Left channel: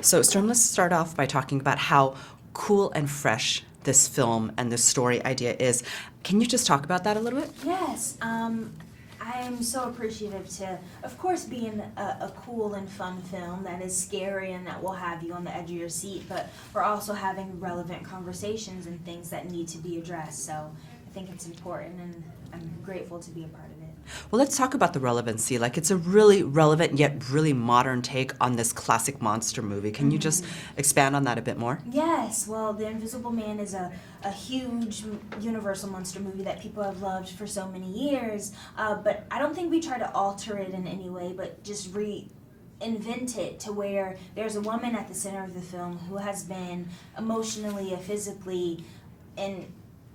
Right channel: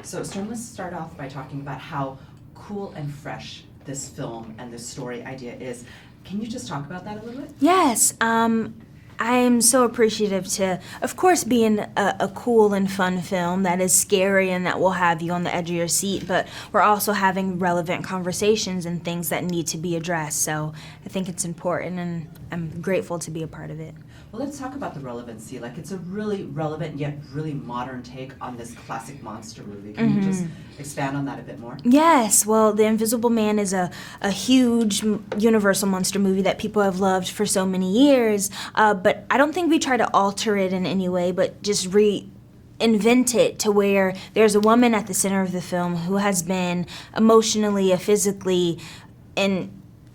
So, Storm, let's start off by talking about how cool and fresh this film and this story idea is. Can you just talk about that a little bit? Yes. I'm so appreciative to, of course, being a cool and fun film that is scary and that will have you on the edge of your seat, but we're also having relevant conversations and things that need to be addressed. So I think it's important, and I'm grateful to be a part of it. Well, let's talk about the relevancy. Like, it's a really relevant yet really modern take on this classic monster movie. Can you just expand on that a bit more? Yes. Well, The Invisible Man is a huge Universal monster movie that people have loved for so many years, but I don't think we try to alter it in any way, but just reinvent it to where there's a woman at the center of the film who has been emotionally, physically, and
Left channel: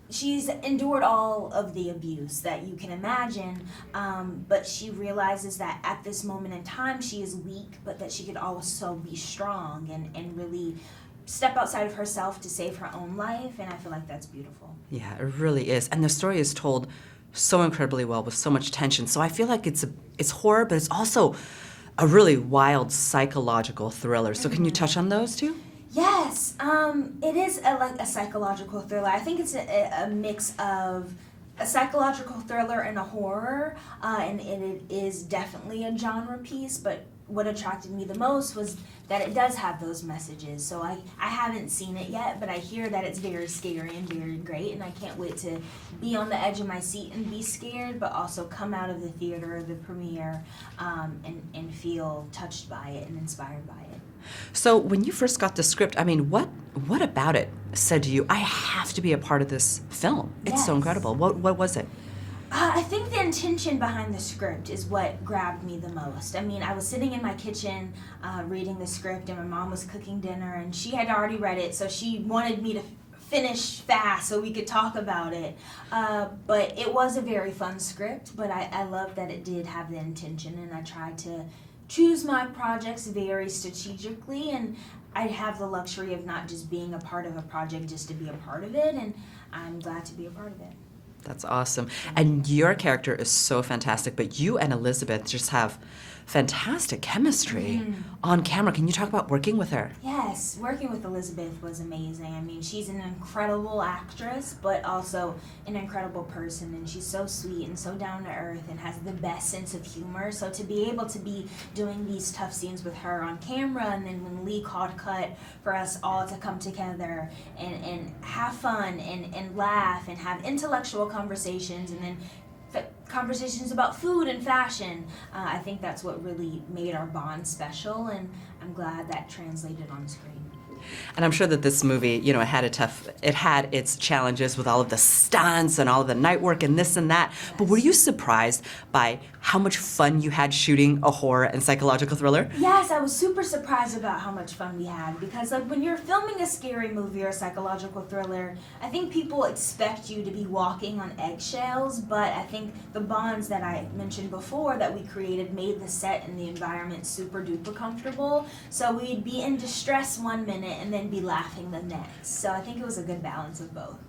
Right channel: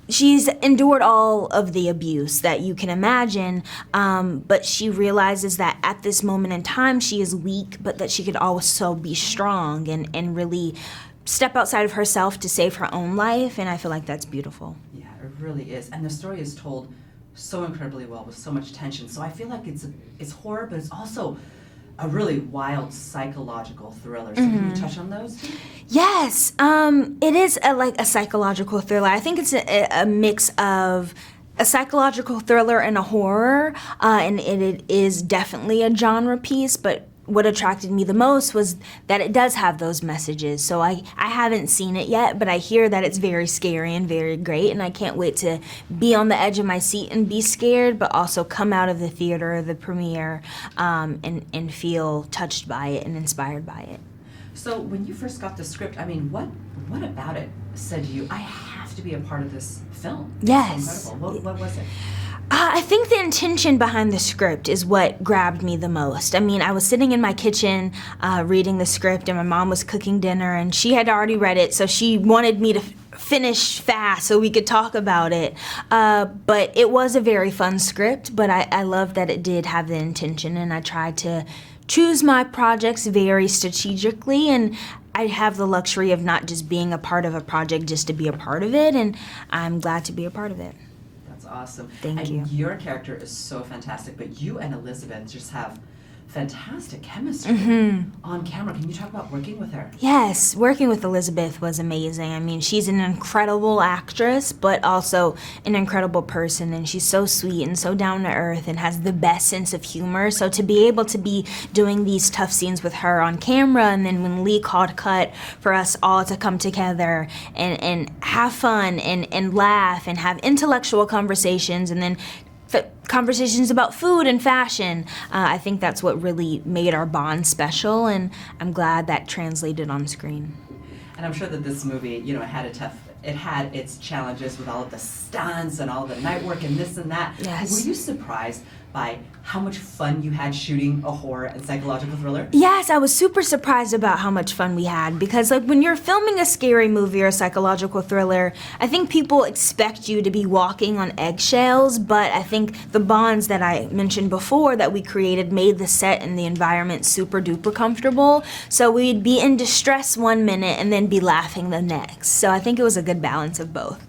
she's endured all of the abuse that you can imagine, but she realizes that at this moment in time she is weak, but that she could also be strong and really step outside of herself to save her own life, and I feel like that's beautiful. Yeah, it really is. And the story is told so incredibly well with so much tension. So I feel like it's horror, but it's also a really wild psychological thriller. So can you touch on those two? Yes, it is like a psychological thriller. I think it's a mix of a psychological thriller and a horror, and it is definitely a genre piece, but what attracted me the most was that it does have those messages. So I haven't seen it yet, but I hear that it's very scary and very great, and I can't wait to be on the edge of my seat and be scared, but also come out of the theater or the premiere and feel touched by it and inspired by it. So when you first got the script, I mean, what about it said to you, I have to be a part of this film? It's Yes. so incredible. What was it? I think the intention behind the script is what grabbed me the most. I mean, I was sitting in my kitchen reading the script, and my mom was cooking dinner, and she had already read it, so she wanted me to finish fast so we could talk about it. But it was a very fun script, but I love that it did have the intention, and I tried to choose my projects very strategically, and I have the luxury of not just being a part of a project just to be a part of it, and I'm glad to be a part of it. That's awesome. Thank And you. your character is so fantastic, but you and Elisabeth just have fantastic chemistry on camera. Can you talk about working with her? Yes, working with Elisabeth was amazing. I mean, she's an incredible actress, but also an incredible person, and she's so sweet and so down to earth and has the best sense of humor. So to be able to be doing these tough scenes with her on camera, and then when Lee called cut for us all to come together and have fun and laugh and have intellectual conversations, and then conversations about food and fashion. I think that's what really made our bond special, and I'm glad that translated on screen. And I'm sure that this movie, you know, it had its challenges with all of the stunts and all of the night work and this and that. Yes. But were you surprised by how much fun you had shooting a horror and psychological thriller? Yes, I was super surprised about how much fun we had, because like when you're filming a scary movie or a psychological thriller, I think people expect you to be walking on eggshells, but I think the bonds that I mentioned before that we created made the set and the environment super duper comfortable. So we'd be in distress one minute and then be laughing the next. So I think it was a good balance of both.